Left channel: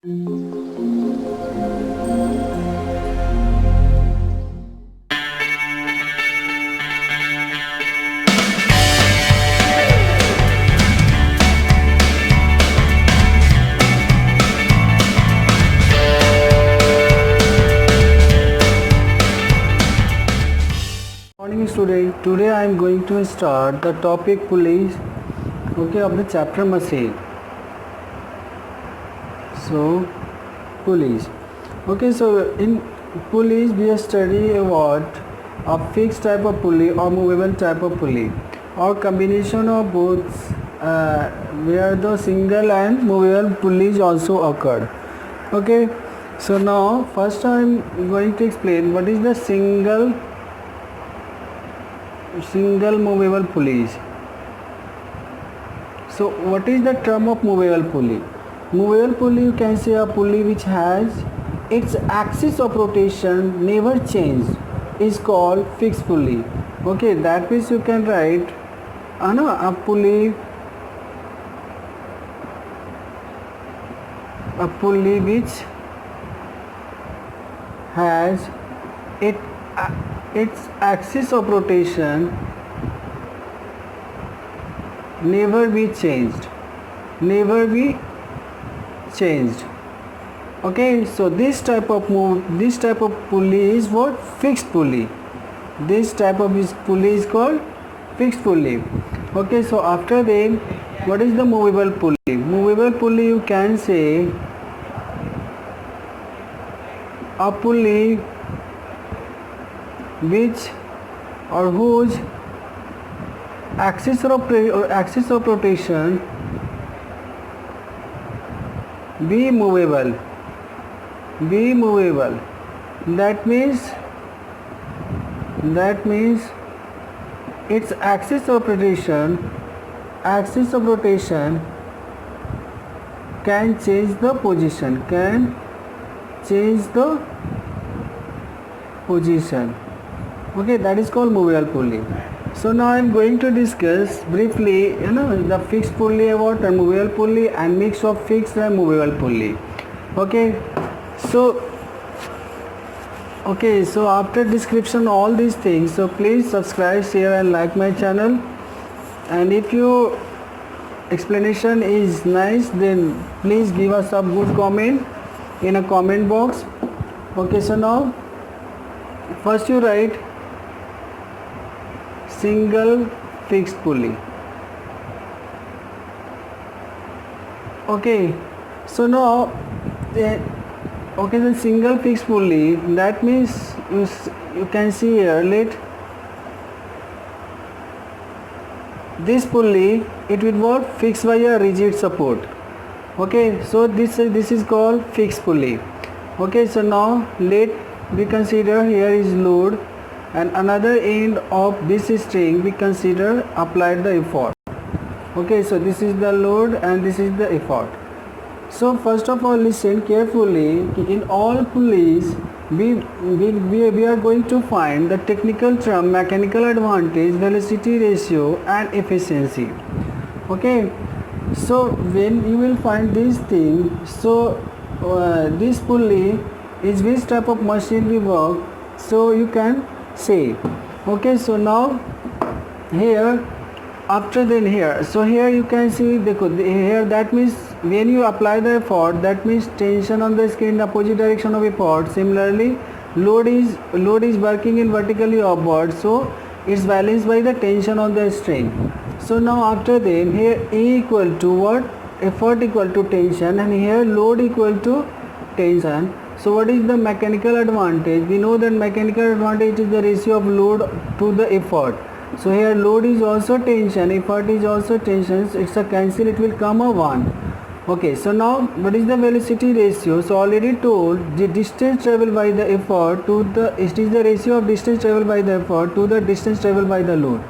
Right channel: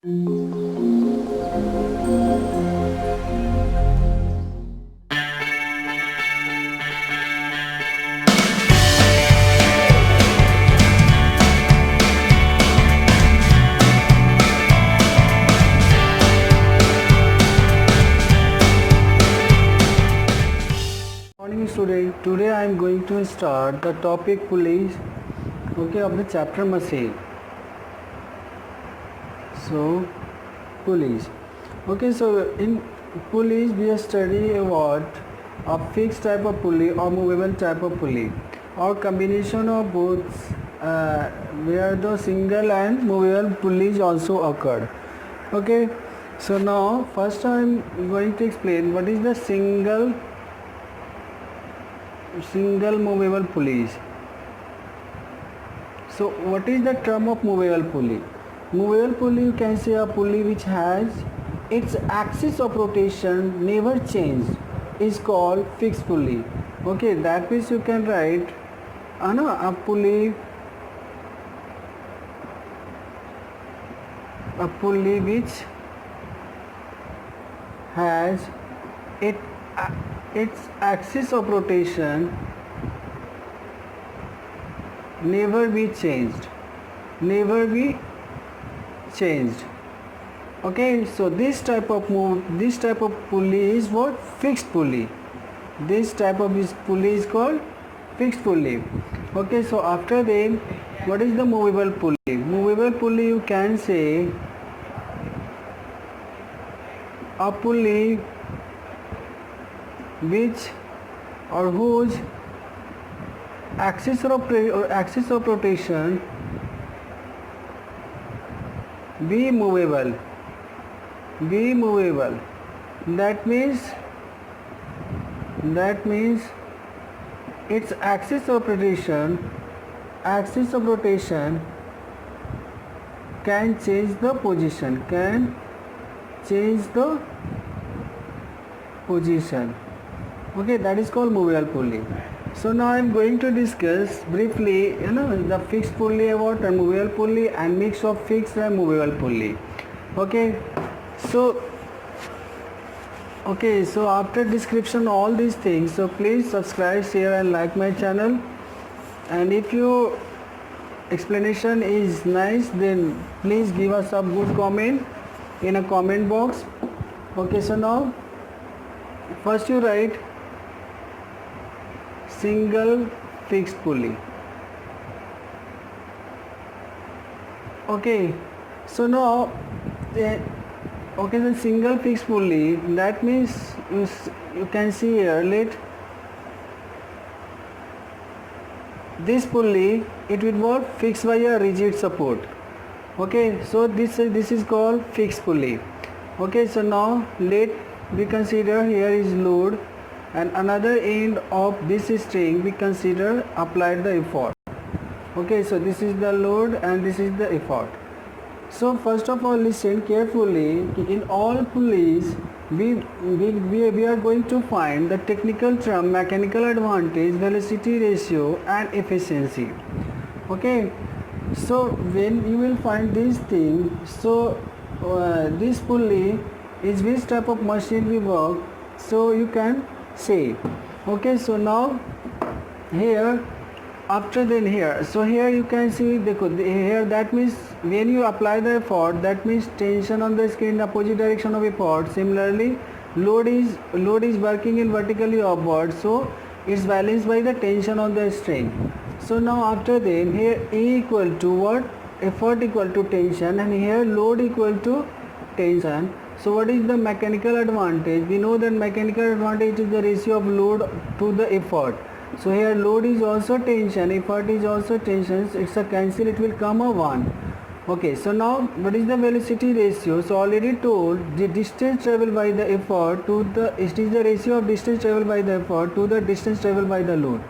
Morning student, today I am going to start the topic pulleys, of the chapter machine. So pulleys. So in pulleys we study about a fixed type of pulley or movable type of pulley or combination of both, where the single and movable pulleys also occur. So now first I am going to explain what is the single movable pulleys. So what is the term of movable pulley? Movable pulley, you can say a pulley which has its axis of rotation never changed, is called fixed pulley. That means you can write a pulley which has its axis of rotation never be changed. So this type of pulley is what? Fixed pulley. This type of pulley is called fixed pulley. So after that, what is the movable pulley? Movable pulley, you can say a pulley which or whose axis of rotation be movable. That means its axis of rotation can change the position. That is called movable pulley. So now I am going to discuss briefly the fixed pulley about a movable pulley and mix of fixed and movable pulley. So after description all these things, so please subscribe, share and like my channel, and if your explanation is nice, then please give us a good comment in a comment box. So now first you write single fixed pulley. So now the single fixed pulley, that means you can see here, this pulley, it will work fixed by a rigid support. So this is called fixed pulley. So now let we consider here is load, and another end of this string we consider applied the effort. So this is the load and this is the effort. So first of all, listen carefully. In all pulleys we are going to find the technical term mechanical advantage, velocity ratio and efficiency. So when you will find these things, so this pulley is which type of machine we work, so you can say. So now here, after then here, so here you can see here, that means when you apply the effort, that means tension on the skin in the opposite direction of effort. Similarly, load is working in vertically upward, so it's balanced by the tension on the string. So now after then here E equal to what? Effort equal to tension, and here load equal to tension. So what is the mechanical advantage? We know that mechanical advantage is the ratio of load to the effort. So here load is also tension, effort is also tension, so it's a cancel, it will come a 1. So now what is the velocity ratio? So already told, the distance traveled by the effort to the, it is the ratio of distance traveled by the effort to the distance traveled by the load.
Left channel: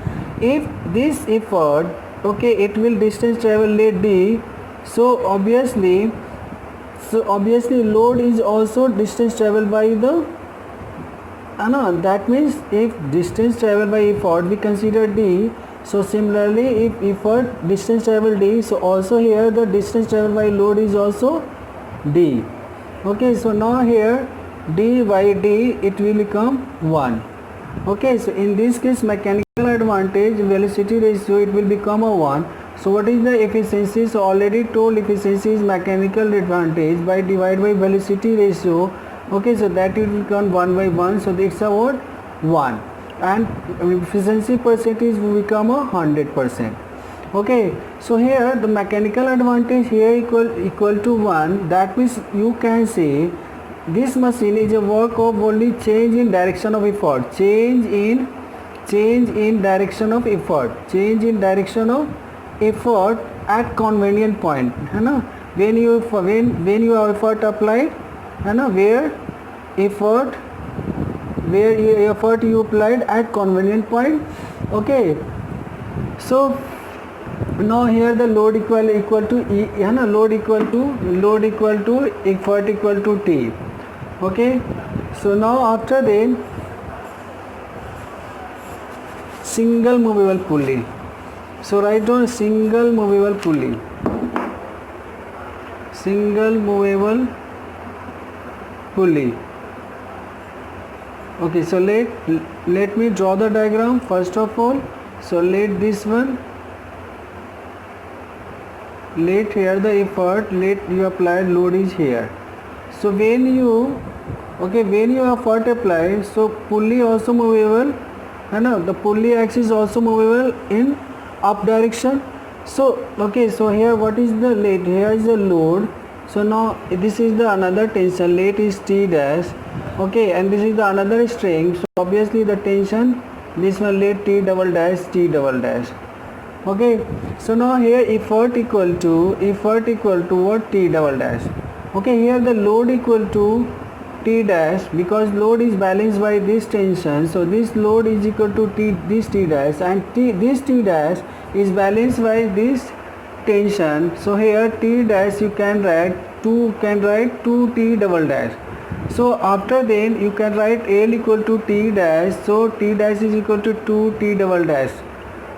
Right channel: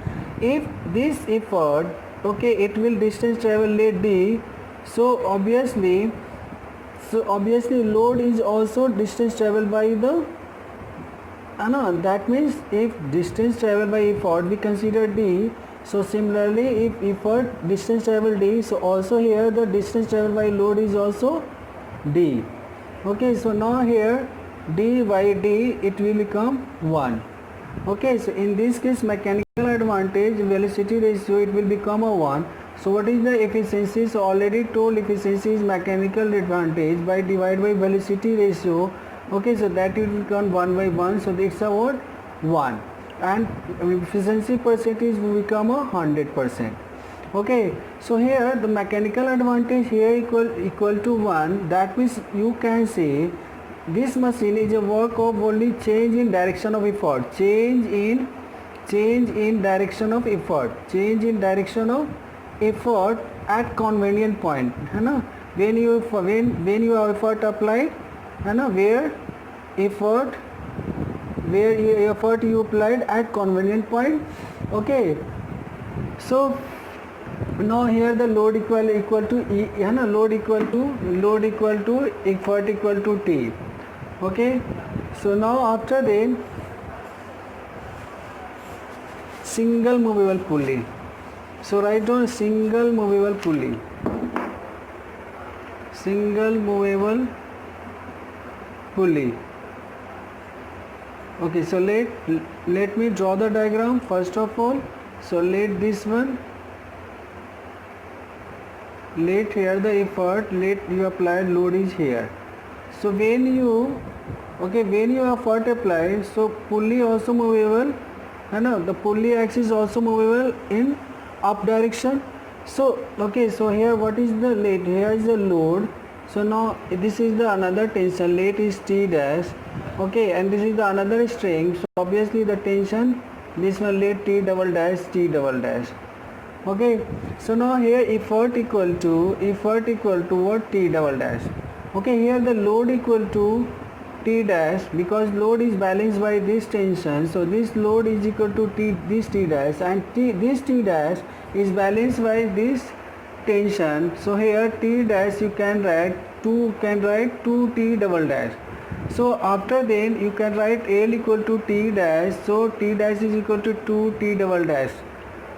If this effort, it will distance travel let d, so obviously load is also distance traveled by the that means if distance traveled by effort we consider d, so similarly if effort distance travel d, so also here the distance traveled by load is also d. Okay, so now here d by d it will become 1. Okay, so in this case mechanical advantage velocity ratio it will become a 1. So what is the efficiency? So already told efficiency is mechanical advantage by divide by velocity ratio. Okay, so that will become 1 by 1. So it's about 1, and efficiency percentage will become 100%. Okay, so here the mechanical advantage here equal to 1. That means you can say this machine is a work of only change in direction of effort. Change in direction of effort. Change in direction of effort at convenient point. है ना? When you have effort applied, है ना? Where effort you applied at convenient point. Okay. So now here the load equal to E, है ना? Load equal to effort equal to T. Okay, so now after then single movable pulley. So write down single movable pulley. Single movable pulley. Okay, so let me draw the diagram first of all. So let this one, let here the effort, let you applied load is here. So when you effort apply, so pulley also movable, है ना? The pulley axis also movable in up direction. So okay, so here what is the load? Here is the load. So now this is the another tension. Late is T dash. Okay, and this is the another string. So obviously the tension, this one late T double dash, T double dash. Okay, so now here effort equal to what? T double dash. Okay, here the load equal to T dash, because load is balanced by this tension, so this load is equal to this T dash, and this T dash is balanced by this tension. So here T dash you can write 2 T double dash. So after then you can write L equal to T dash, so T dash is equal to 2 T double dash.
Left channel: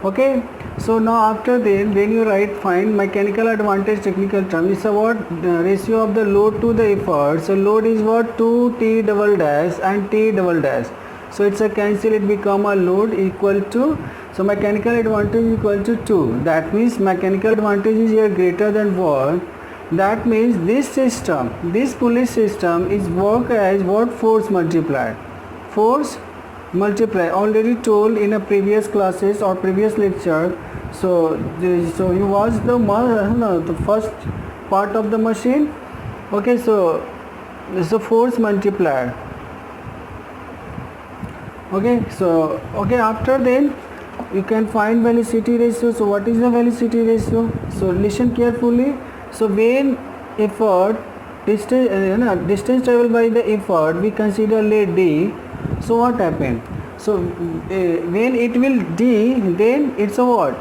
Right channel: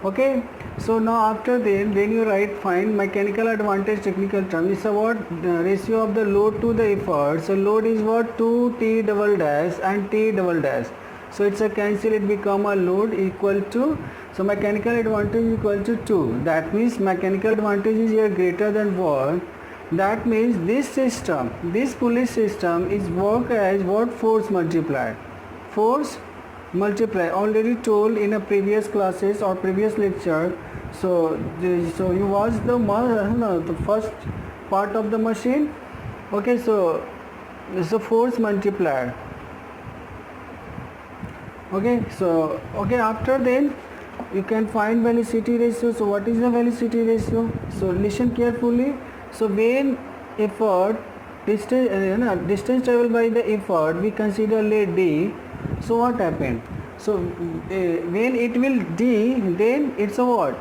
Okay, so now after then when you write find mechanical advantage technical term, it's about ratio of the load to the effort. So load is what? 2 T double dash and T double dash. So it's a cancel, it become a load equal to, so mechanical advantage equal to 2. That means mechanical advantage is here greater than what? That means this system, this pulley system is work as what? Force multiplied. Force multiply, already told in a previous classes or previous lecture. So you watch the first part of the machine. Okay, so force multiplier. Okay, so after then you can find velocity ratio. So what is the velocity ratio? So listen carefully. So when effort distance traveled by the effort we consider let d. So what happened? So when it will d, then it's a what?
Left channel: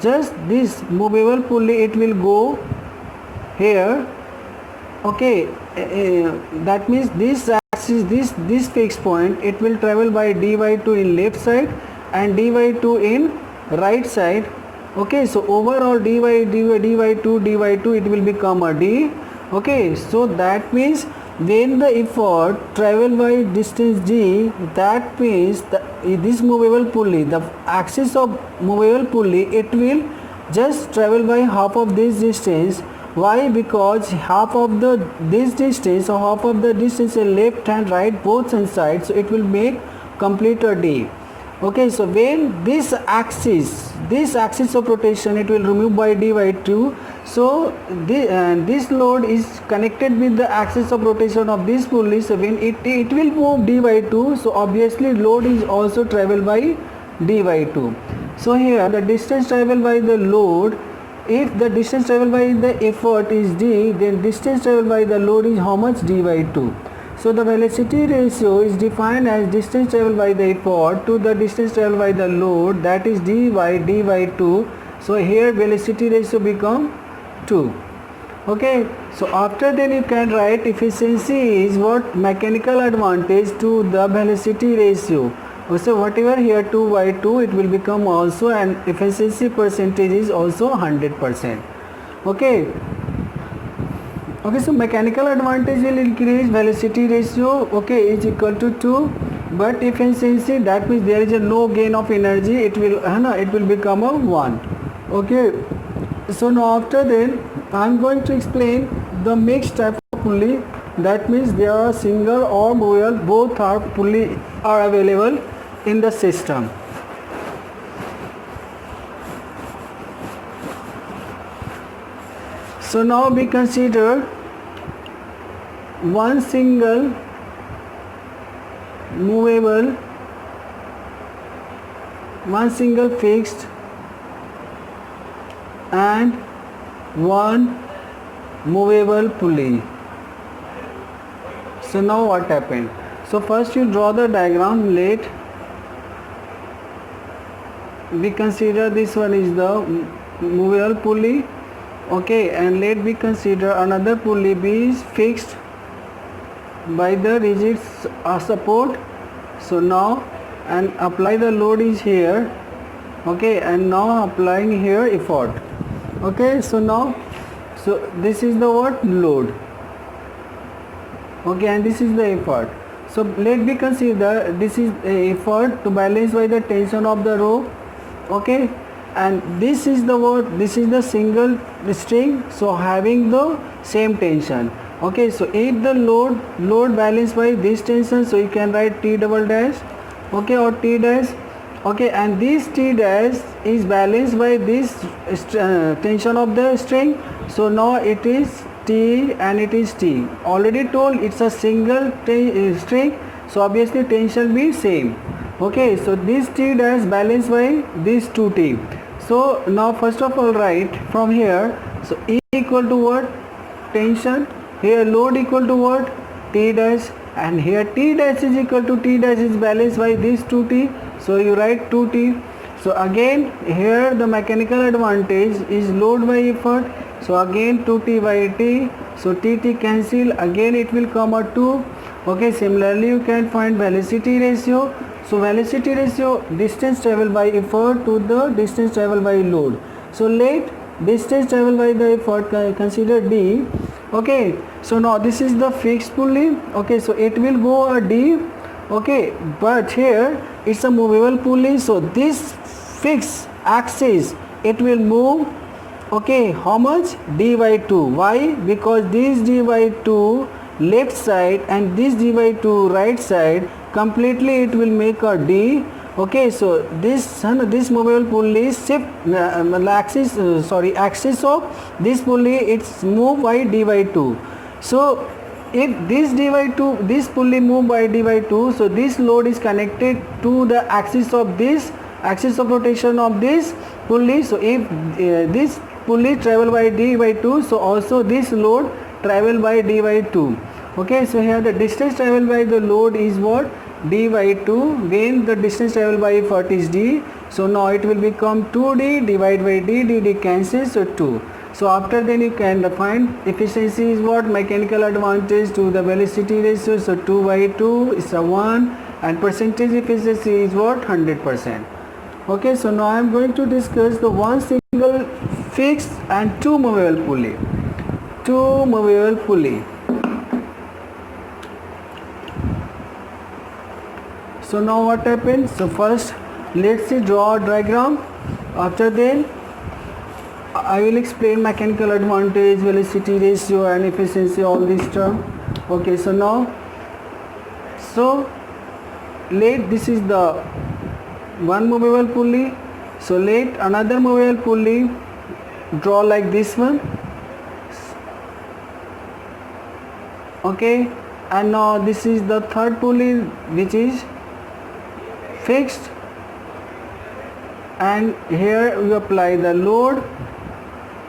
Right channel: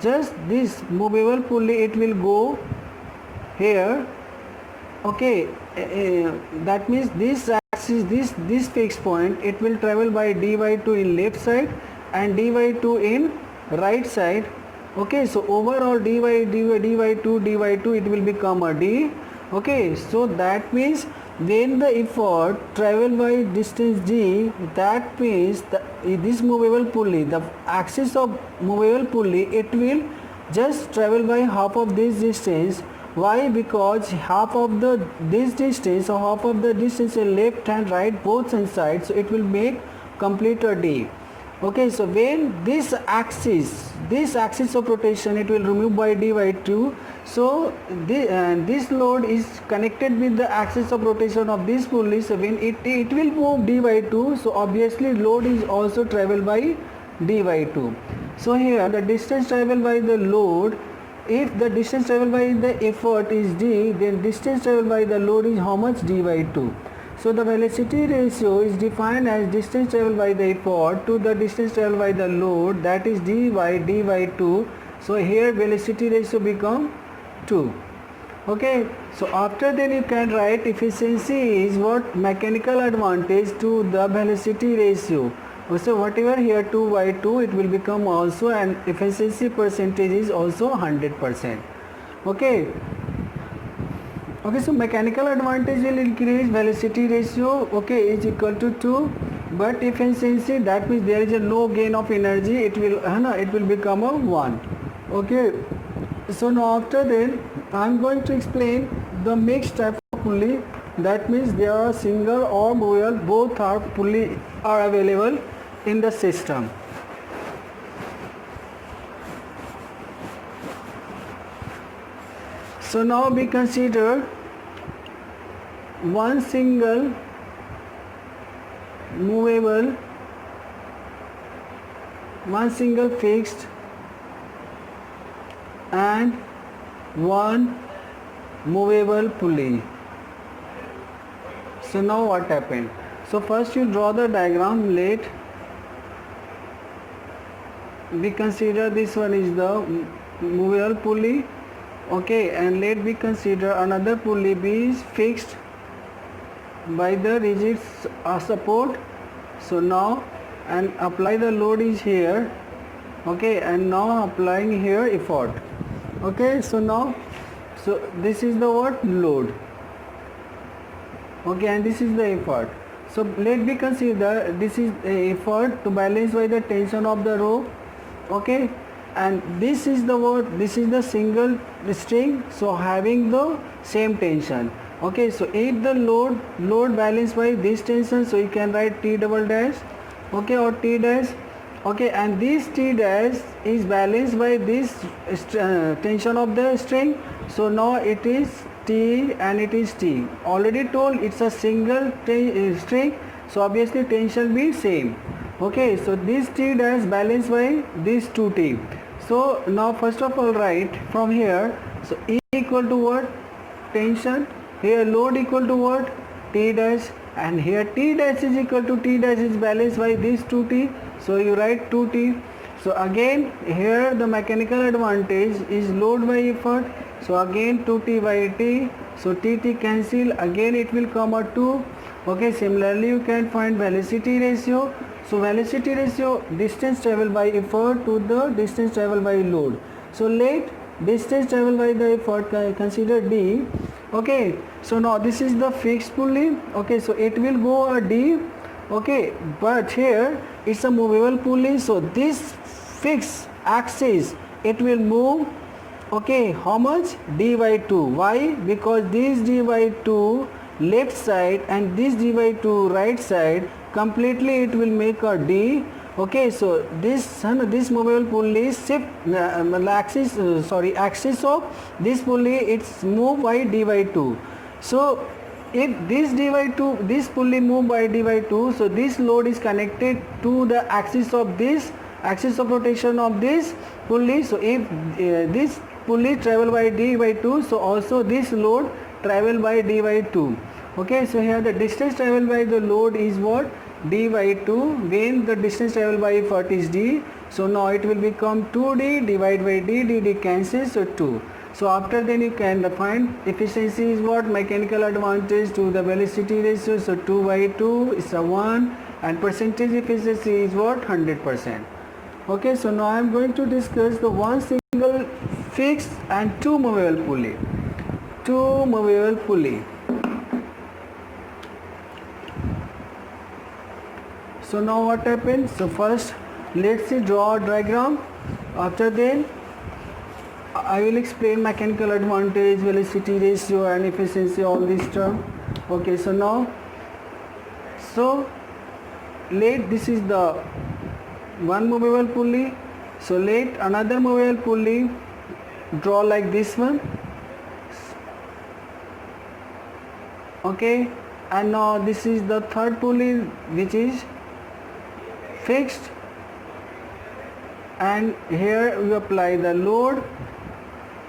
Just this movable pulley it will go here. Okay, that means this axis, this fixed point, it will travel by d by 2 in left side and d by 2 in right side. Okay, so overall d by 2 it will become a d. Okay, so that means when the effort travel by distance d, that means this movable pulley, the axis of movable pulley, it will just travel by half of this distance. Why? Because half of this distance or half of the distance is left and right both sides, so it will make complete a d. Okay, so when this axis of rotation it will remove by d by 2. So this load is connected with the axis of rotation of this pulley. So when it will move d by 2, so obviously load is also travel by d by 2. So here the distance traveled by the load, if the distance traveled by the effort is d, then distance traveled by the load is how much? D by 2. So the velocity ratio is defined as distance traveled by the effort to the distance traveled by the load, that is d by 2. So here velocity ratio become 2. Okay, so after then you can write efficiency is what? Mechanical advantage to the velocity ratio. So whatever here 2 by 2 it will become also, and efficiency percentage is also 100%. Okay. Okay, so mechanical advantage will increase, velocity ratio, okay, is equal to 2, but efficiency, that means there is a no gain of energy, it will become a 1. Okay, so now after then I am going to explain the mixed type of pulley. That means there are single or movable, both are pulley are available in the system. So now we consider one single movable, one single fixed, and one movable pulley. So now what happened? So first you draw the diagram. Let we consider this one is the movable pulley, okay, and let we consider another pulley B is fixed by the rigid support. So now and apply the load is here, okay, and now applying here effort, okay. So now, so this is the what load, okay, and this is the effort. So let me consider this is a effort to balance by the tension of the rope, okay, and this is the what, this is the single string, so having the same tension, okay. So if the load balanced by this tension, so you can write T double dash, okay, or T dash, okay, and this T dash is balanced by this tension of the string. So now it is T and it is T. Already told it's a single string, so obviously tension be same, okay. So this T dash balanced by this 2T. So now first of all write from here, so E equal to what, tension, here load equal to what, T dash, and here T dash is equal to T dash is balanced by this 2T, so you write 2T. So again here the mechanical advantage is load by effort, so again 2T by T, so TT cancel, again it will come a 2, okay. Similarly you can find velocity ratio. So velocity ratio, distance traveled by effort to the distance traveled by load. So let distance traveled by the effort consider D, okay. So now this is the fixed pulley, okay, so it will go a D, okay, but here it's a movable pulley, so this fixed axis it will move, okay, how much, D by 2. Why? Because this D by 2 left side and this D by 2 right side, completely it will make a D, okay. So this movable pulley shift axis of this pulley, it's moved by D by 2. So if this D by 2, this pulley moved by D by 2, so this load is connected to the axis of this, axis of rotation of this pulley. So if this pulley travel by D by 2, so also this load travel by D by 2, okay. So here the distance travel by the load is what, D by 2, when the distance travel by effort is D. So now it will become 2D divided by D, D cancels, so 2. So after then you can find efficiency is what, mechanical advantage to the velocity ratio, so 2 by 2 is a 1, and percentage efficiency is what, 100%, okay. So now I am going to discuss the one single fixed and two movable pulley. So now what happens, so first let's see draw a diagram, after then I will explain mechanical advantage, velocity ratio and efficiency, all this term, okay. So now, so let this is the one movable pulley, so let another movable pulley draw like this one, okay, and now this is the third pulley which is fixed, and here we apply the load.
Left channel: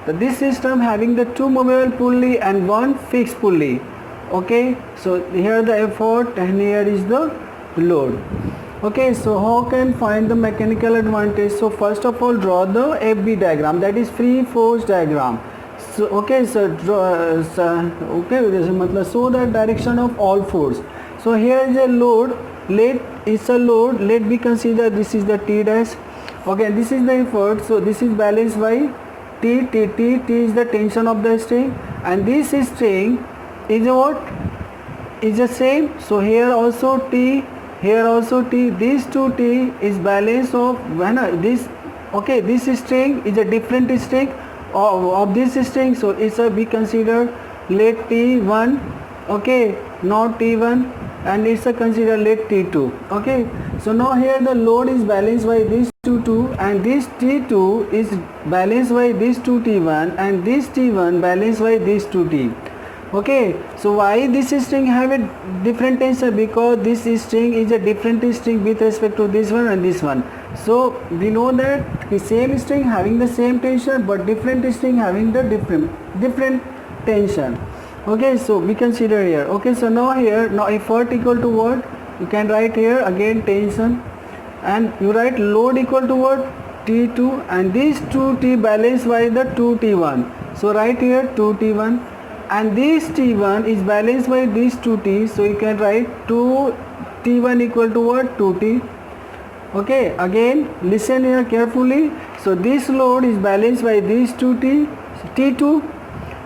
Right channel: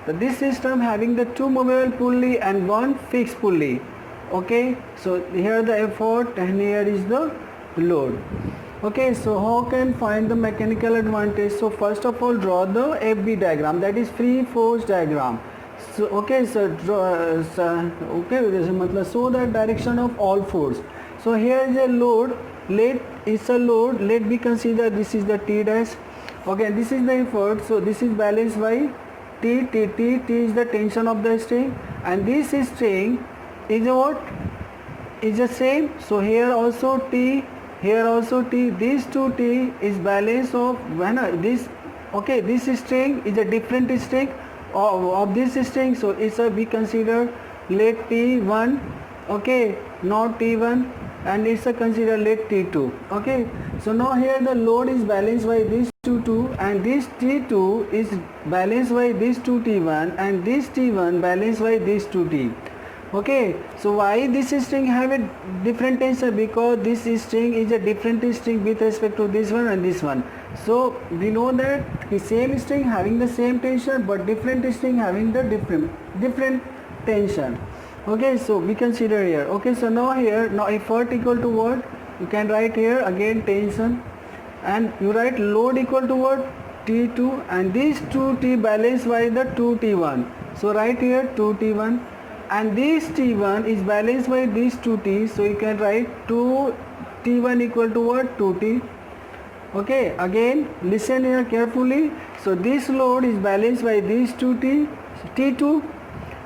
So this system having the two movable pulley and one fixed pulley, okay. So here the effort and here is the load, okay. So how can find the mechanical advantage? So first of all draw the FB diagram, that is free force diagram. So okay, so draw show the direction of all force. So here is a load, let me consider this is the T dash, okay, this is the effort, so this is balanced by T is the tension of the string, and this string is a what? Is the same. So here also T, here also T. These two T is balance of when this. Okay, this string is a different string of this string. So it's a we consider let T1. Okay, not T1, and it's a consider let T2. Okay, so now here the load is balanced by this two, and this T2 is balanced by this two T1, and this T1 balanced by this two T. Okay, so why this string have a different tension? Because this string is a different string with respect to this one and this one. So we know that the same string having the same tension, but different string having the different tension. Okay, so we consider here. Okay, so now here, now effort equal to what? You can write here again tension, and you write load equal to what? T2, and these 2T balanced by the 2T1. So write here 2T1, and this T1 is balanced by these 2T. So you can write 2T1 equal to what? 2T. Okay, again listen here carefully. So this load is balanced by these 2T, T2,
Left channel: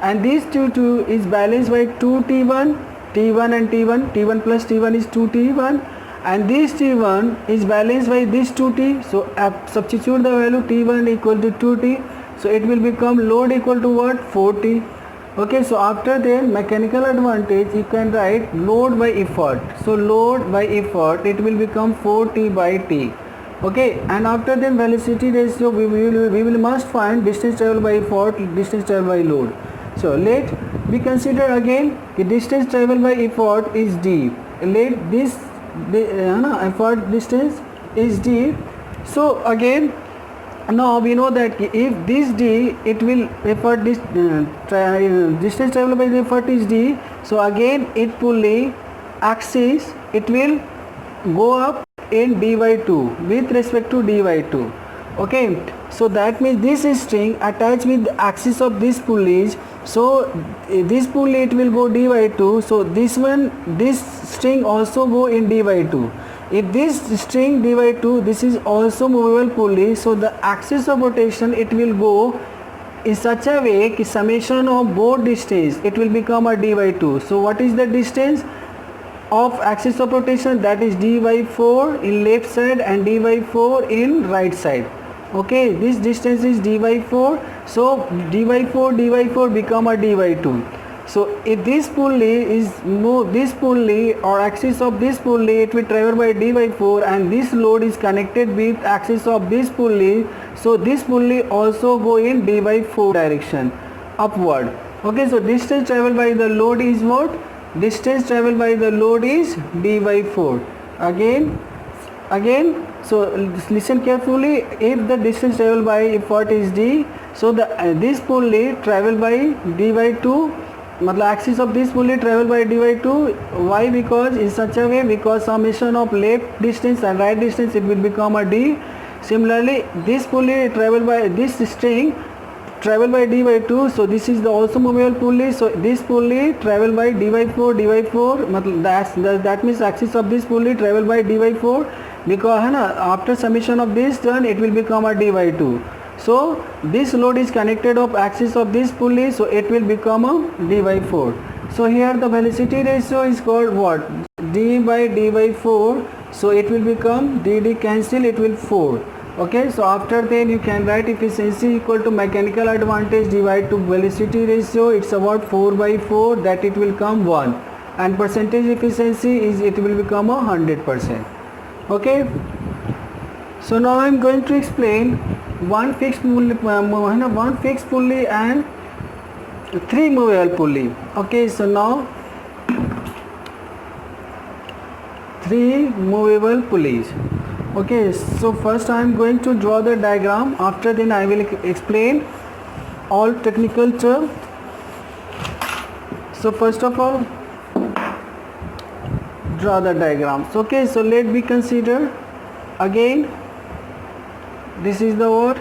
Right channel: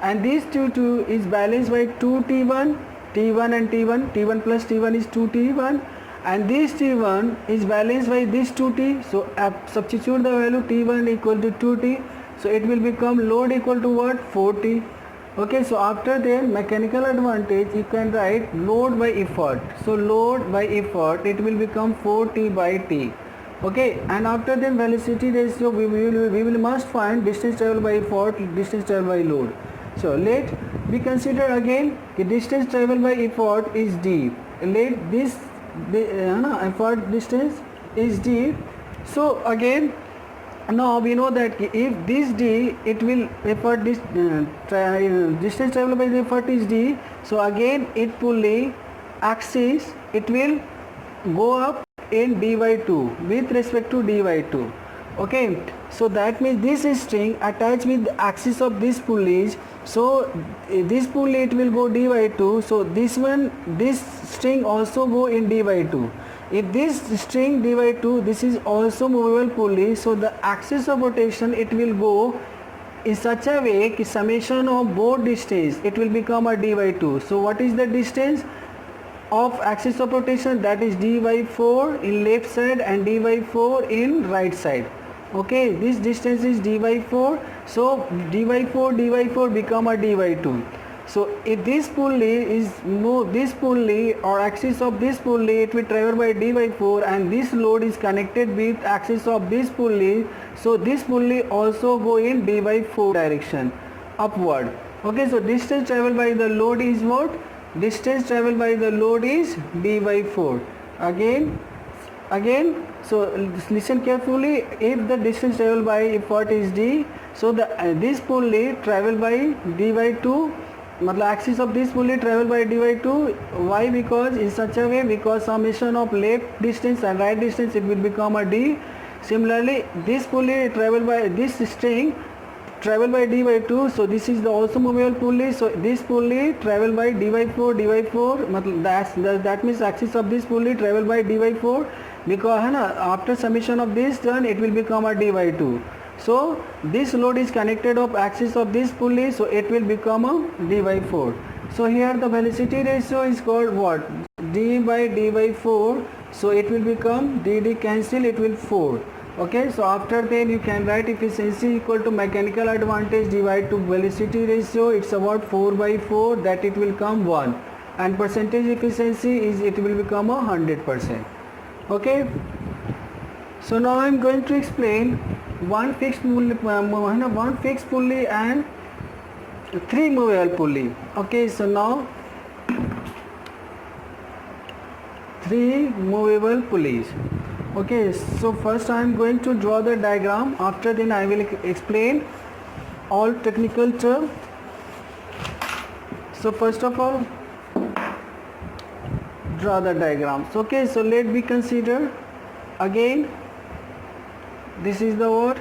and this T2 is balanced by 2T1, T1 and T1, T1 plus T1 is 2T1, and this T1 is balanced by this 2T. So substitute the value T1 equal to 2T, so it will become load equal to what? 4T. Okay, so after that mechanical advantage you can write load by effort. So load by effort, it will become 4T by T. Okay, and after then velocity ratio we will must find distance traveled by effort, distance traveled by load. So let we consider again the distance traveled by effort is d. Let this effort distance is d. So again now we know that if this d, it will effort this distance traveled by the effort is d. So again it pulley axis, it will go up in d by 2 with respect to d by 2. Okay, so that means this string attached with the axis of this pulleys. So this pulley it will go d by 2. So this string also go in d by 2. If this string d by 2, this is also movable pulley. So the axis of rotation it will go in such a way that summation of both distance it will become a d by 2. So what is the distance of axis of rotation? That is d by 4 in left side and d by 4 in right side. Okay, this distance is d by 4. So d by 4 become a d by 2. So if this pulley is this pulley or axis of this pulley, it will travel by d by 4, and this load is connected with axis of this pulley. So this pulley also go in d by 4 direction upward. Okay, so distance traveled by the load is what? Distance traveled by the load is d by 4. Again, so listen carefully. If the distance traveled by effort is d, so this pulley travel by d by 2. Axis of this pulley travel by d by 2. Why? Because in such a way, because summation of left distance and right distance it will become a d. Similarly, this pulley travel by this string travel by d by 2. So this is the also movable pulley. So this pulley travel by d by 4. That means axis of this pulley travel by d by 4, because after summation of this turn it will become a d by 2. So this load is connected of axis of this pulley, so it will become a d by 4. So here the velocity ratio is called what? D by d by 4. So it will become d cancel, it will 4. Okay, so after then you can write efficiency equal to mechanical advantage divided to velocity ratio. It's about 4 by 4, that it will come 1, and percentage efficiency is it will become 100%. Okay, so now I am going to explain one fixed pulley and 3 movable pulley. Okay, so now 3 movable pulleys. Okay, so first I am going to draw the diagram. After then I will explain all technical terms. So first of all, draw the diagrams. Okay, so let me consider again. This is the what?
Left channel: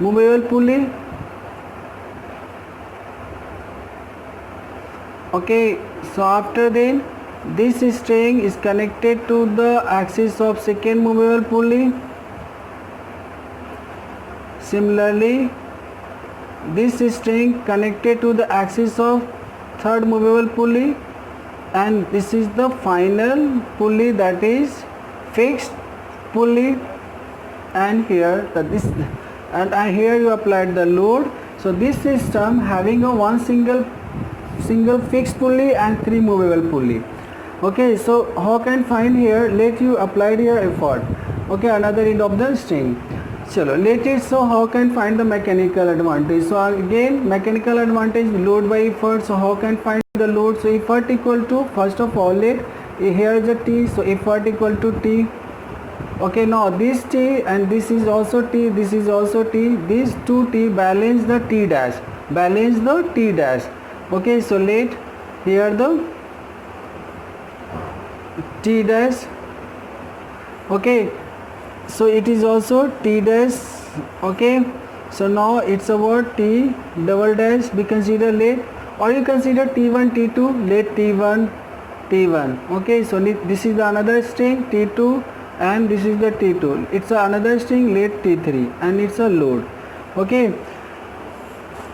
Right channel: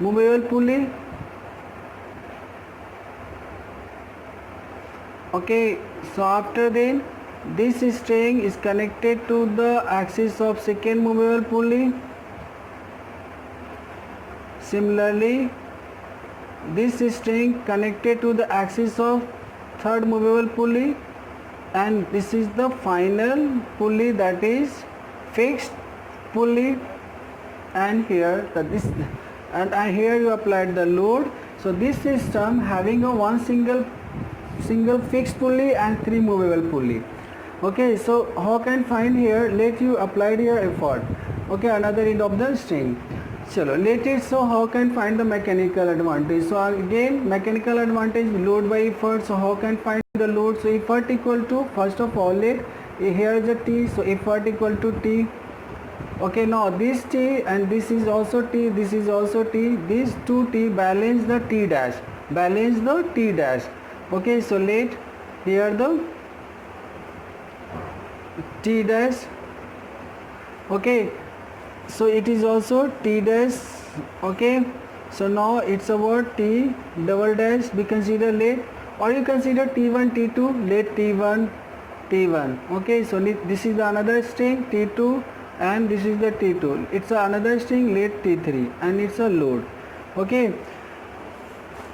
Movable pulley. Okay, so after then this string is connected to the axis of second movable pulley. Similarly, this string connected to the axis of third movable pulley, and this is the final pulley, that is fixed pulley, and here here you applied the load. So this system having a one single fixed pulley and three movable pulley. Okay, so how can find here? Let you applied your effort. Okay, another end of the string. Chalo, let it. So how can find the mechanical advantage? So again, mechanical advantage, load by effort. So how can find the load? So effort equal to, first of all, let here is a T. So effort equal to T. Okay, now this T and this is also T, this is also T, these two T balance the T dash, balance the T dash. Okay, so let here the T dash. Okay, so it is also T dash. Okay, so now it's a word T double dash, we consider let, or you consider T1 T2, let T1 T1. Okay, so this is the another string T2 and this is the T2, it's another string, let T3, and it's a load. Okay,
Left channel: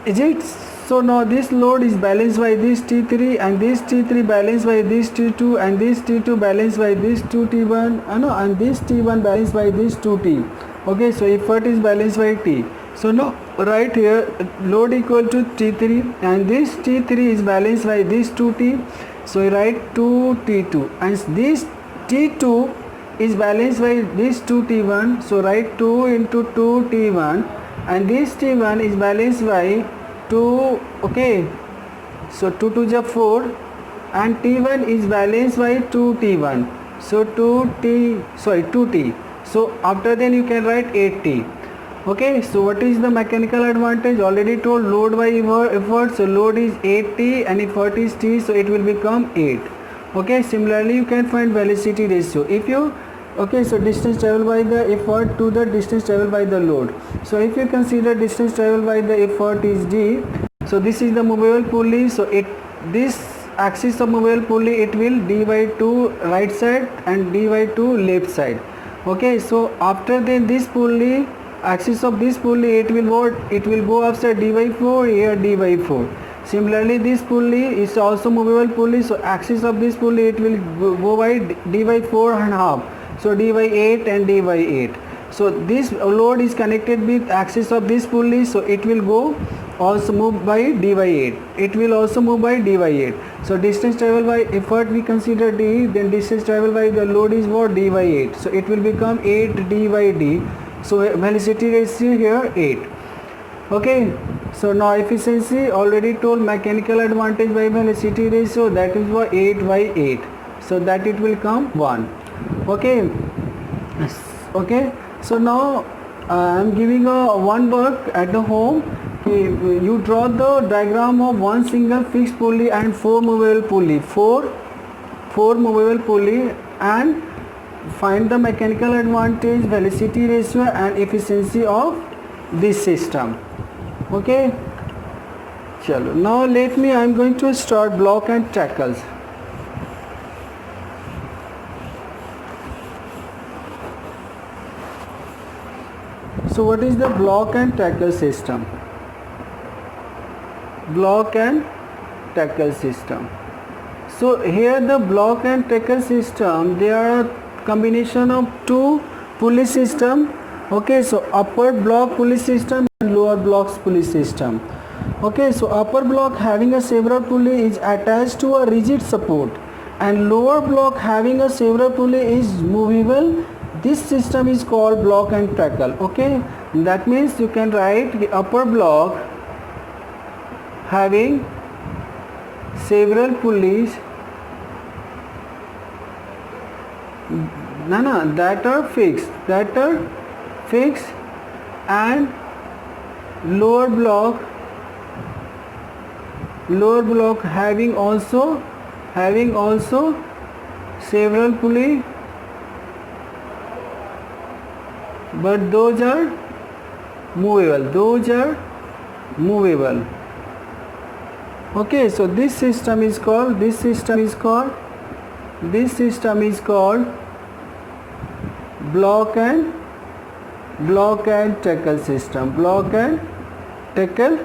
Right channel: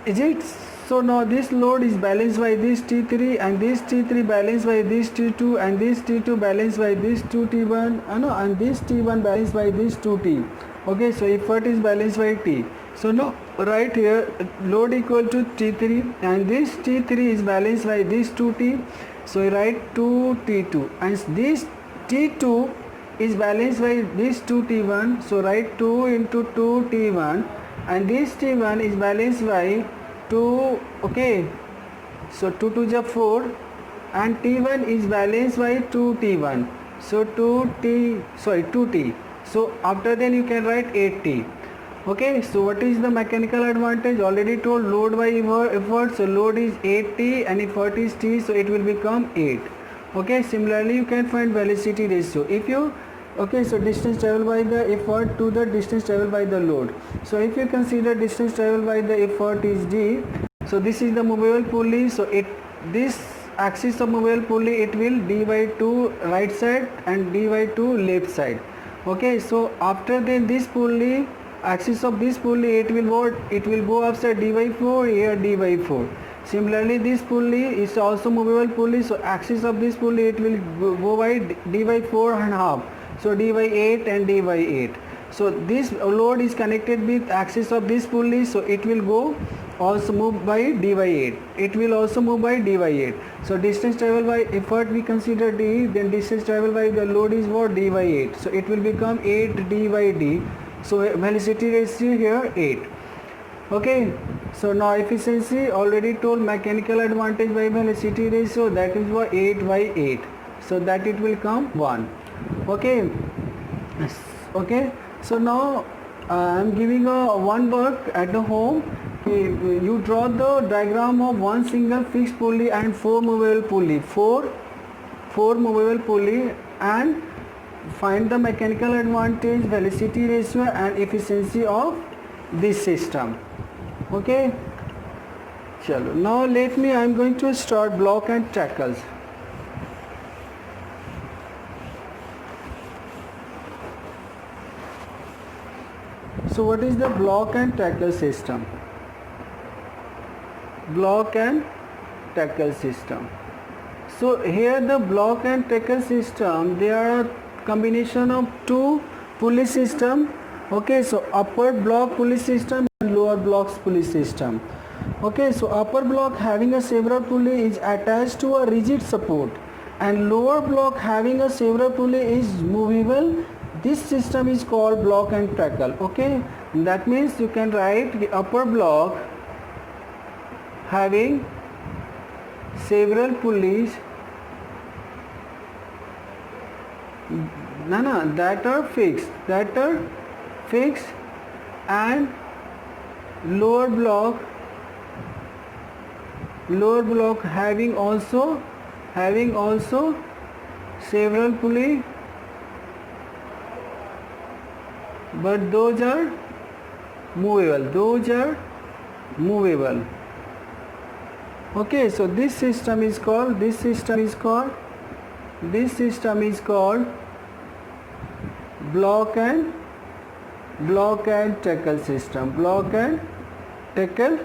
is it? So now this load is balanced by this T3 and this T3 balanced by this T2 and this T2 balanced by this 2T1 and this T1 balanced by this 2T. Okay, so effort is balanced by T. So now right here load equal to T3 and this T3 is balanced by this 2T. So you write 2T2 and this T2 is balanced by this 2T1. So write 2 into 2T1 and this T1 is balanced by 2. Okay, so 2 to the 4 and T1 is balanced by 2T1. So 2T. So after then you can write 8T. Okay, so what is the mechanical advantage? Already told, load by effort. So load is 8T and effort is T, so it will become 8. Okay, similarly you can find velocity ratio. If you so distance traveled by the effort to the distance traveled by the load. So if you consider distance traveled by the effort is D, so this is the movable pulley. So this axis of movable pulley, it will D by 2 right side and D by 2 left side. Okay, so after then this pulley, axis of this pulley, it will go upside D by 4, here D by 4. Similarly this pulley is also movable pulley, so axis of this pulley, it will go by D by 4 and half. So D by 8 and D by 8. So this load is connected with axis of this pulley, so it will go also move by D by 8. It will also move by D by 8. So distance traveled by effort we consider D, then distance traveled by the load is what? D by 8. So it will become 8 D by D. So velocity ratio here 8. Okay, so now efficiency, already told, mechanical advantage by velocity ratio, that is what? 8 by 8. So that it will come 1. Okay, so now I am giving one work at the home. Okay, you draw the diagram of one single fixed pulley and four movable pulley, four movable pulley, and find the mechanical advantage, velocity ratio and efficiency of this system. Okay, chalo, now I am going to start block and tackles. So what is the block and tackle system? Block and tackle system. So here the block and tackle system, they are a combination of two pulley system. Okay, so upper block pulley system and lower blocks pulley system. Okay, so upper block having a several pulley is attached to a rigid support and lower block having a several pulley is movable. This system is called block and tackle. Okay, that means you can write the upper block having several pulleys that are fixed and lower block having also several pulley, but those are movable. Okay, so this system is called block and tackle system. Block and tackle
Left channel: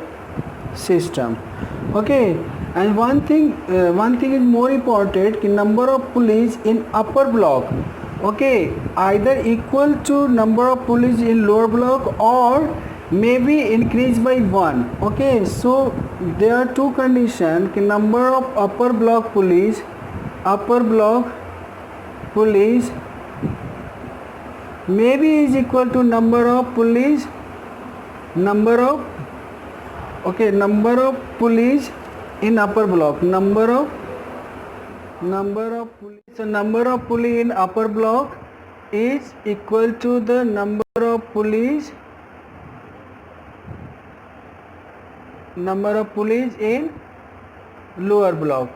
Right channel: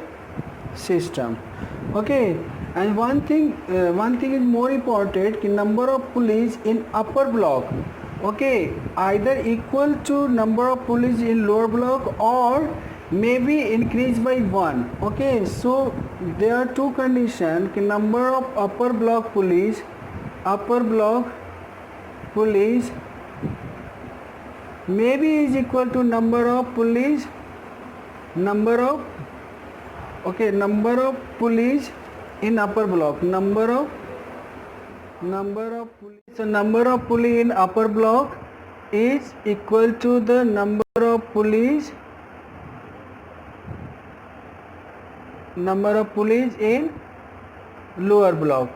system. Okay, and one thing is more important, कि number of pulleys in upper block, okay, either equal to number of pulleys in lower block or maybe increased by 1. Okay, so there are two conditions, कि number of upper block pulleys maybe is equal to number of pulleys in upper block, number of pulleys. So number of pulley in upper block is equal to the number of pulleys in lower block.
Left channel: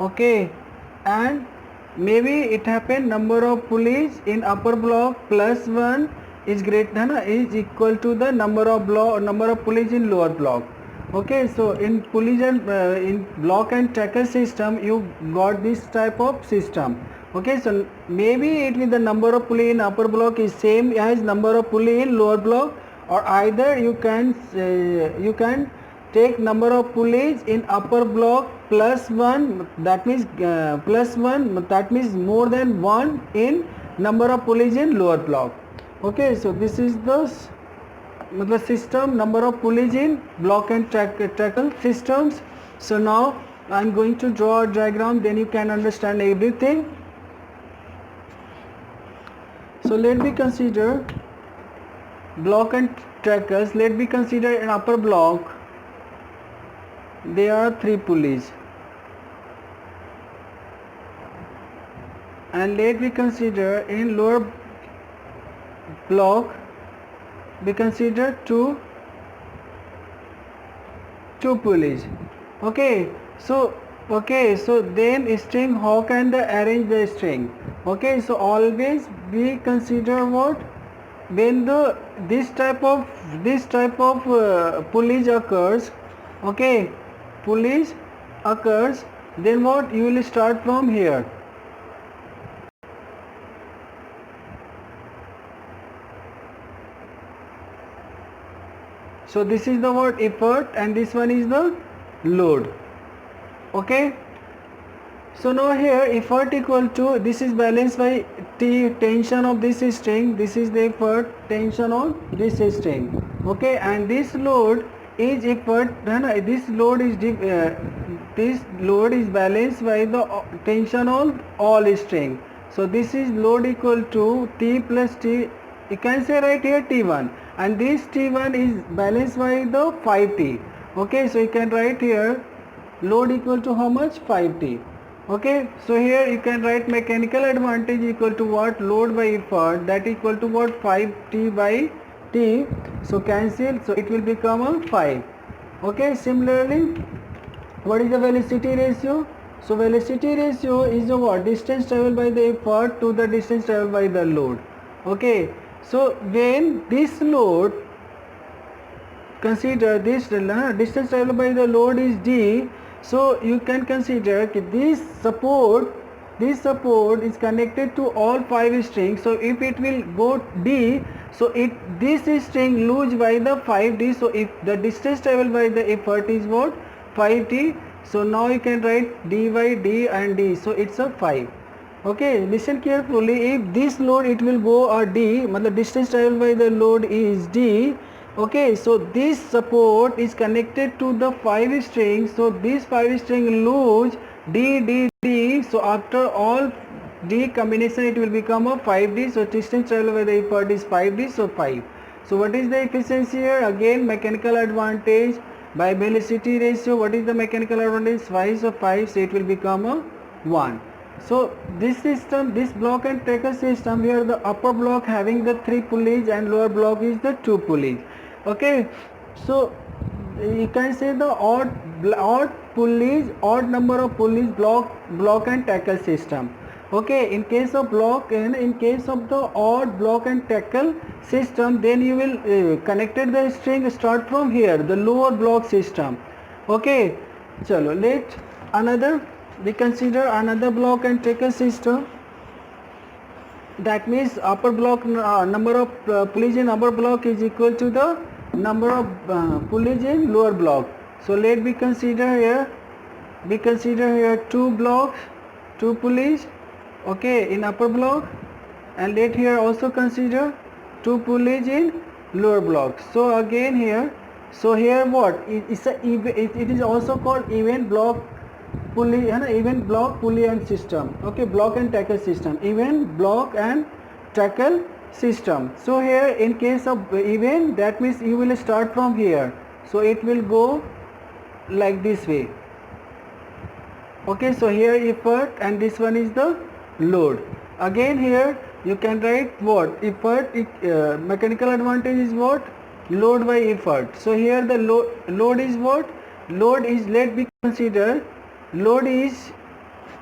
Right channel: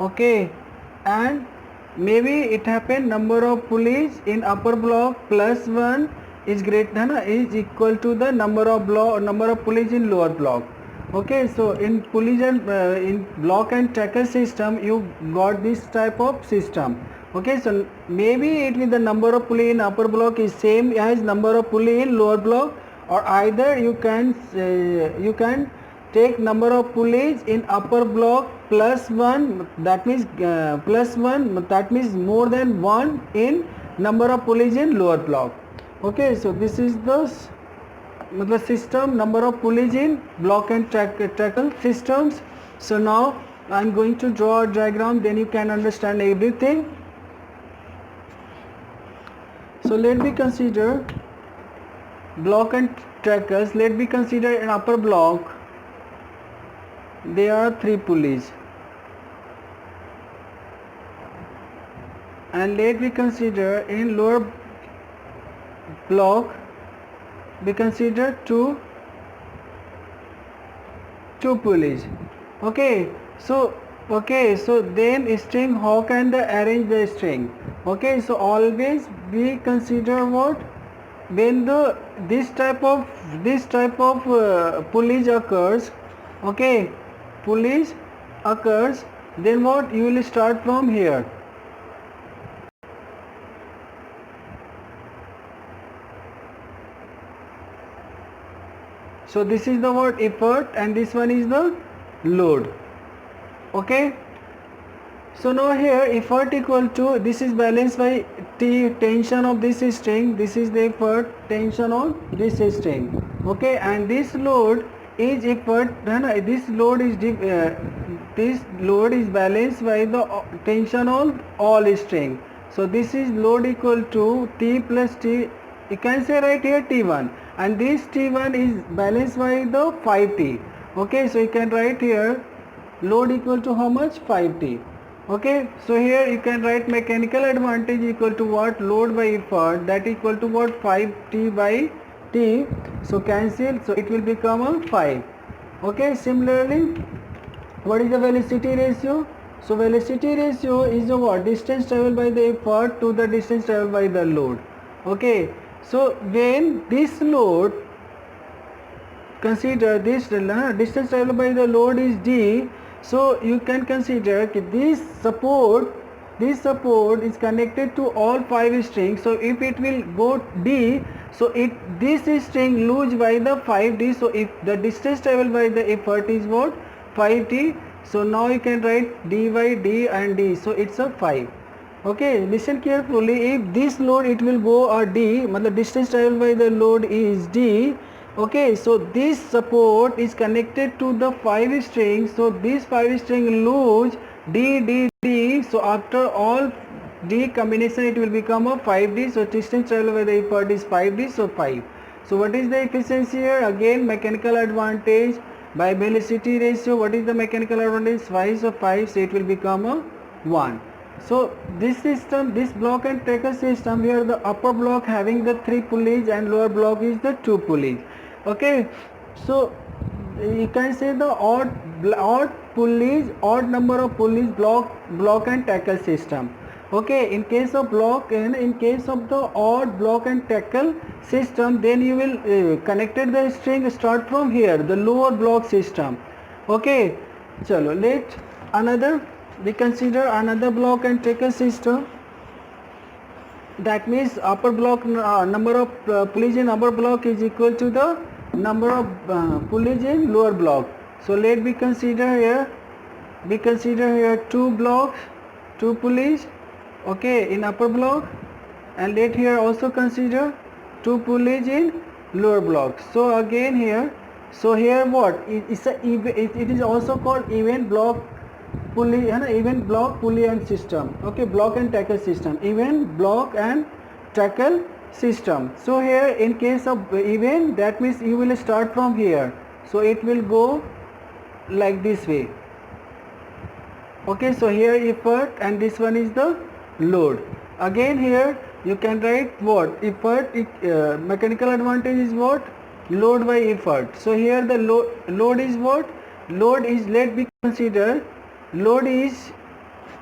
Okay, and maybe it happened number of pulleys in upper block plus 1 is equal to the number of pulleys in lower block. Okay, so in pulleys and in block and tackle system you got this type of system. Okay, so maybe it with the number of pulley in upper block is same as number of pulley in lower block, or either you can take number of pulleys in upper block plus 1, that means more than 1 in number of pulleys in lower block. Okay, so this is the system, number of pulleys in block and tackle systems. So now I am going to draw a diagram, then you can understand everything. So let me consider block and tackles. Let me consider in upper block there are 3 pulleys, and let me consider in lower block we consider two pulleys. Okay, so then string, how can they arrange the string? Okay, so always we consider what, when this type of pulleys occurs. Okay, pulleys occurs, then what, you will start from here. So this is the word effort and this one is the load. Okay, so now here effort equal to, this is balanced by T, tension of this string, this is the effort, tension on this string. Okay, and this load is effort, this load is balanced by the tension on all string. So this is load equal to T plus T, you can say right here T1, and this T1 is balanced by the 5T. Okay, so you can write here load equal to how much, 5T. Okay, so here you can write mechanical advantage equal to what, load by effort, that equal to what, 5T by T. So cancel, so it will become a 5. Okay, similarly what is the velocity ratio? So velocity ratio is the what, distance traveled by the effort to the distance traveled by the load. Okay, so when this load, consider this distance traveled by the load is D, so you can consider this support is connected to all 5 strings. So if it will go D, so this string lose by the 5D. So if the distance traveled by the effort is what, 5T, so now you can write D by D and D, so it's a 5. Okay, listen carefully, if this load it will go a D, matlab distance traveled by the load is D. Okay, so this support is connected to the 5 strings, so this 5 string lose D, D, D, so after all D combination it will become a 5D, so distance traveled by the effort is 5D, so 5. So what is the efficiency here? Again mechanical advantage by velocity ratio. What is the mechanical advantage? 5, so 5, so it will become a 1. So this system, this block and tackle system, here the upper block having the 3 pulleys and lower block is the 2 pulleys. Okay, so you can say the odd number of pulleys block and tackle system. Okay, in case of block and in case of the odd block and tackle system, then you will connected the string start from here, the lower block system. Okay, chalo, we consider another block and tackle system. That means upper block number of pulleys in upper block is equal to the number of pulleys in lower block. So let me consider here, we consider here 2 blocks, 2 pulleys, okay, in upper block, and let here also consider 2 pulleys in lower block. So again here, so here what it is also called event block pulley, event block pulley and system, okay, block and tackle system, event block and tackle system. So here in case of event, that means you will start from here, so it will go like this way, okay. So here effort and this one is the load. Again here you can write what effort, mechanical advantage is what, load by effort. So here the load is what, load is, let me consider, load is,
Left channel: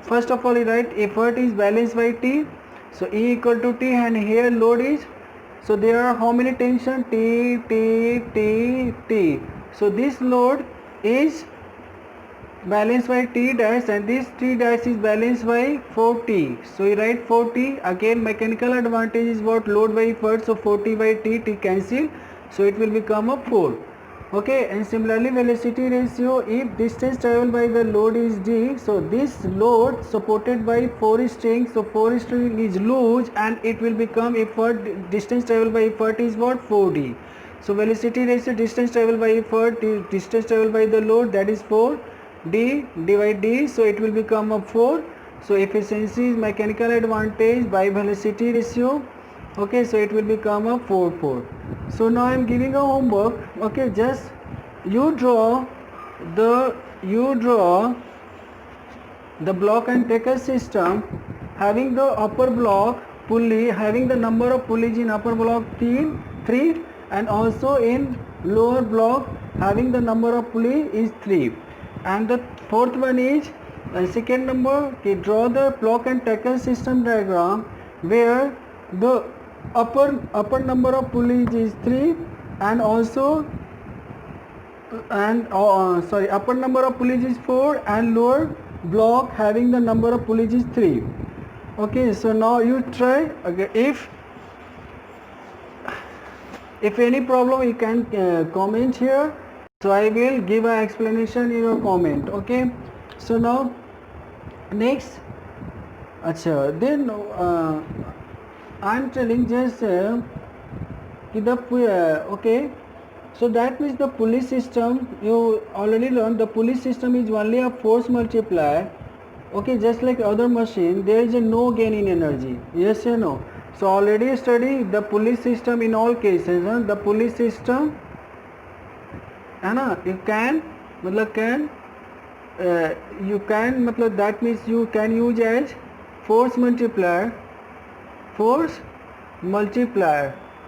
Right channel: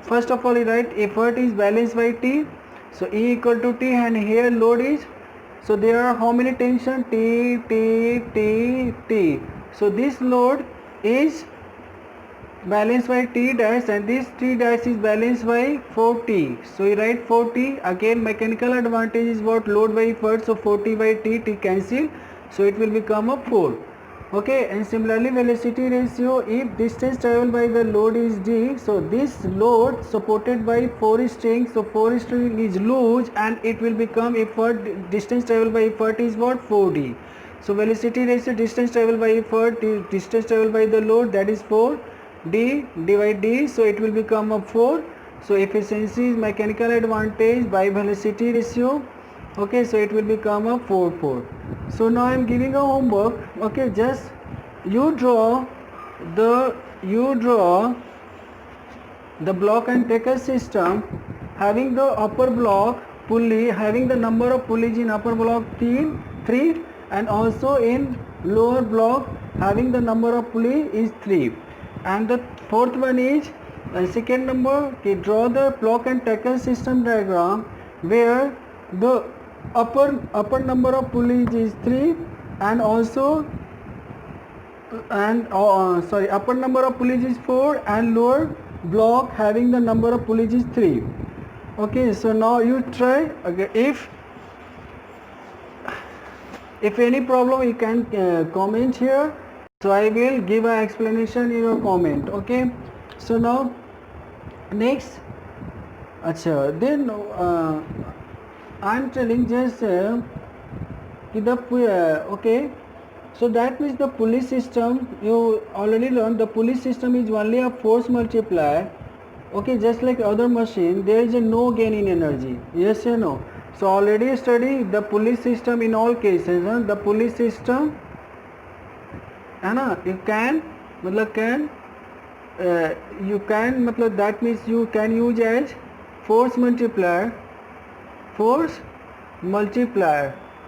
first of all you write effort is balanced by T, so E equal to T, and here load is, so there are how many tension, T, T, T, T. So this load is balanced by T dash, and this T dash is balanced by 4T. So you write 4T. Again mechanical advantage is what, load by effort, so 4T by T, T cancel, so it will become a 4. Okay, and similarly velocity ratio, if distance traveled by the load is D, so this load supported by 4 string, so 4 string is loose and it will become effort, distance traveled by effort is what, 4D. So velocity ratio, distance traveled by effort, distance traveled by the load, that is 4, D divide D, so it will become a 4. So efficiency is mechanical advantage by velocity ratio, okay, so it will become a 4. So now I am giving a homework, okay, just you draw the block and tackle system having the upper block pulley, having the number of pulleys in upper block 3, and also in lower block having the number of pulley is 3, and the fourth one is second number, okay, draw the block and tackle system diagram where the upper number of pulleys is 3, and also upper number of pulleys is 4, and lower block having the number of pulleys is 3. Okay, so now you try. Okay, if any problem you can comment here, so I will give an explanation in your comment, okay. So now next, then I am telling just okay, so that means the pulley system, you already learned the pulley system is only a force multiplier, okay, just like other machine, there is a no gain in energy, yes or no. So already study the pulley system in all cases, the pulley system है ना, you can that means you can use as force multiplier,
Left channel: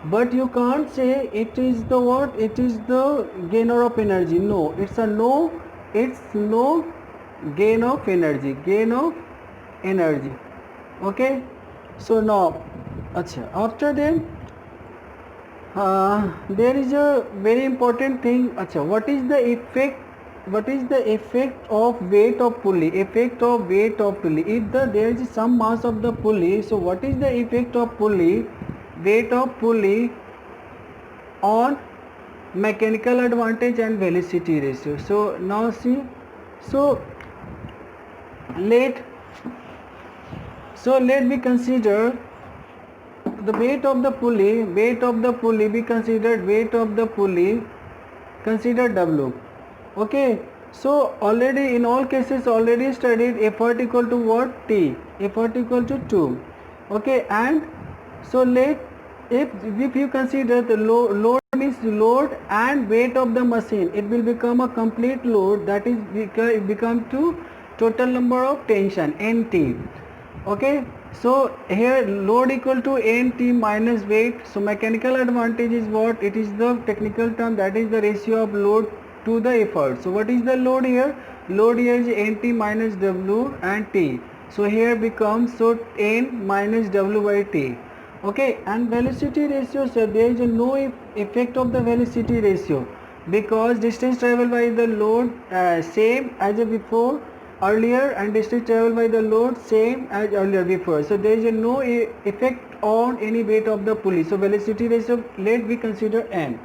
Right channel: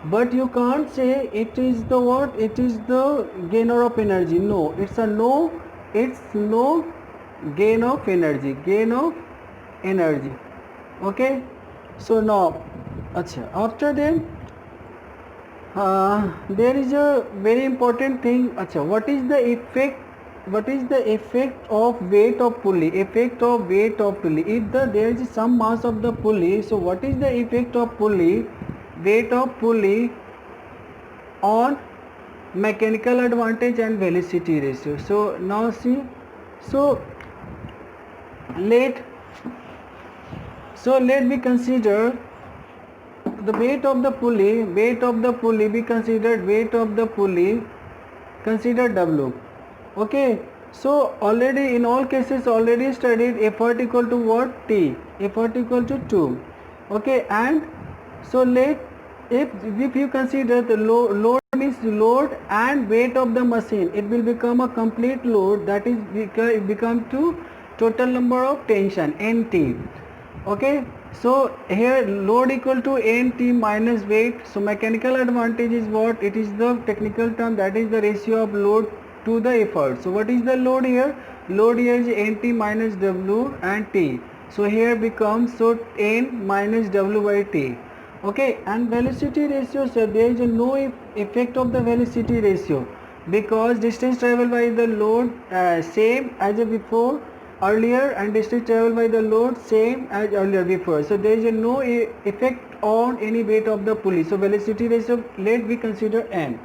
but you can't say it is the what, it is the gainer of energy. No, it's no gain of energy, okay. So now after then there is a very important thing. What is the effect of weight of pulley? If there is some mass of the pulley, so what is the effect of weight of pulley on mechanical advantage and velocity ratio? So now see, so let me consider the weight of the pulley, be considered consider W, okay. So already in all cases already studied effort equal to what, T, effort equal to 2, okay. And so if you consider the load means load and weight of the machine, it will become a complete load, that is it become to total number of tension, NT, okay. So here load equal to NT minus weight. So mechanical advantage is what, it is the technical term, that is the ratio of load to the effort. So what is the load here? Load here is NT minus W and T. So here becomes, so N minus W by T, okay. And velocity ratio, so there is no effect of the velocity ratio, because distance traveled by the load same as before earlier, and distance traveled by the load same as earlier before. So there is no effect on any weight of the pulley. So velocity ratio, let we consider N,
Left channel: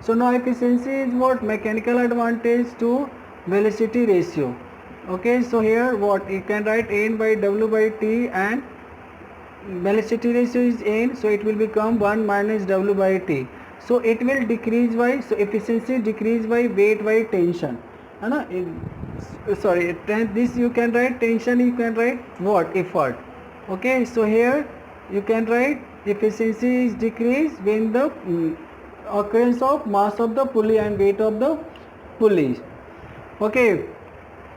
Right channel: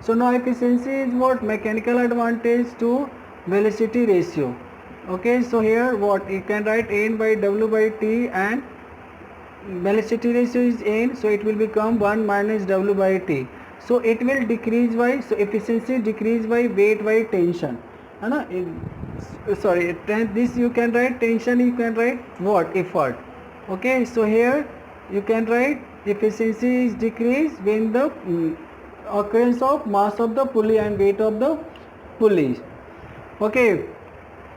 So now efficiency is what? Mechanical advantage to velocity ratio. Okay, so here what you can write n by w by t, and velocity ratio is n, so it will become 1 minus w by t. So it will decrease by, so efficiency decrease by weight by tension, है ना? Sorry, this you can write tension, you can write what? Effort. Okay, so here you can write efficiency is decreased when the occurrence of mass of the pulley and weight of the pulley. Okay,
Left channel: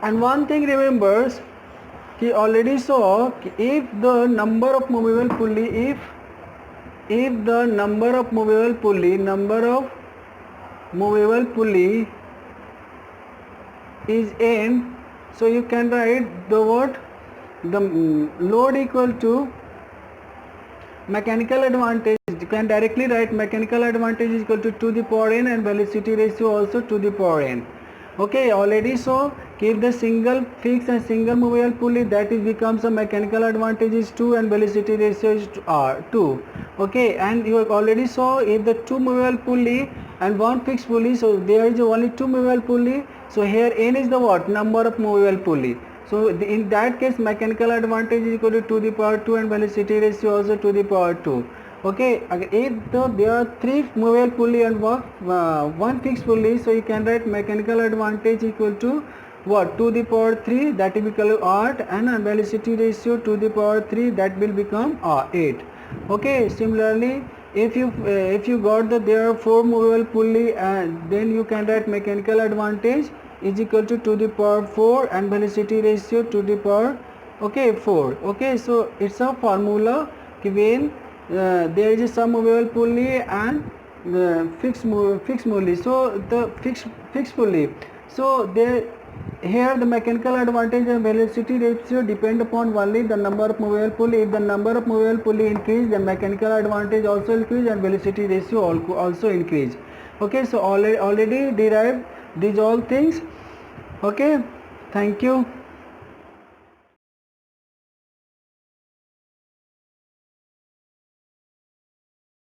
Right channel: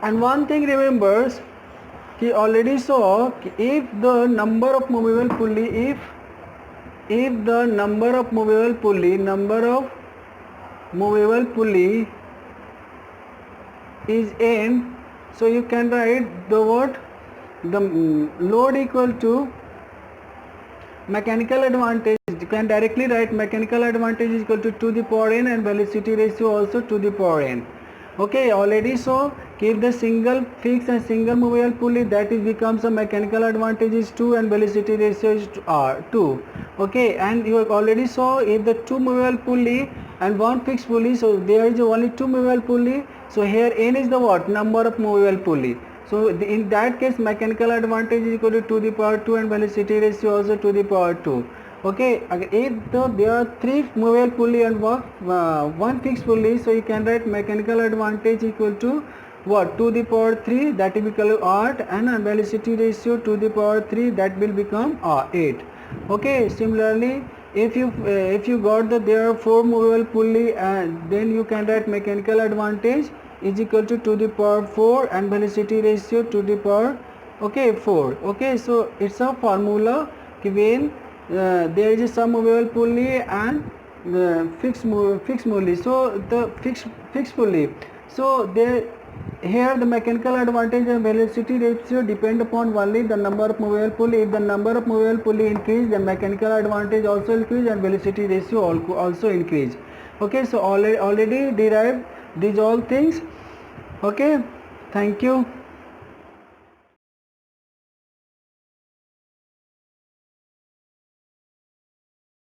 and one thing remembers, he already saw if the number of movable pulley, if the number of movable pulley is n, so you can write the what? The load equal to mechanical advantage. You can directly write mechanical advantage is equal to the power n, and velocity ratio also to the power n. Okay, already saw if the single fixed and single movable pulley, that is becomes a mechanical advantage is 2 and velocity ratio is 2. Okay, and you already saw if the two movable pulley and one fixed pulley, so there is only two movable pulley, so here n is the what? Number of movable pulley. So in that case mechanical advantage is equal to the power 2 and velocity ratio also to the power 2. Okay, if there are three movable pulley and one fixed pulley, so you can write mechanical advantage equal to what? To the power 3, that will become 8, and velocity ratio to the power 3, that will become 8. Okay, similarly if you got that there are four movable pulley, and then you can write mechanical advantage is equal to the power 4 and velocity ratio to the power 4. Okay, so it's a formula when there is some movable pulley and fixed pulley. So the fixed pulley, so there here the mechanical advantage and velocity ratio depend upon only the number of movable pulley. If the number of movable pulley increase, then mechanical advantage also increase and velocity ratio also increase. Okay, so already derived these all things. Okay, thank you.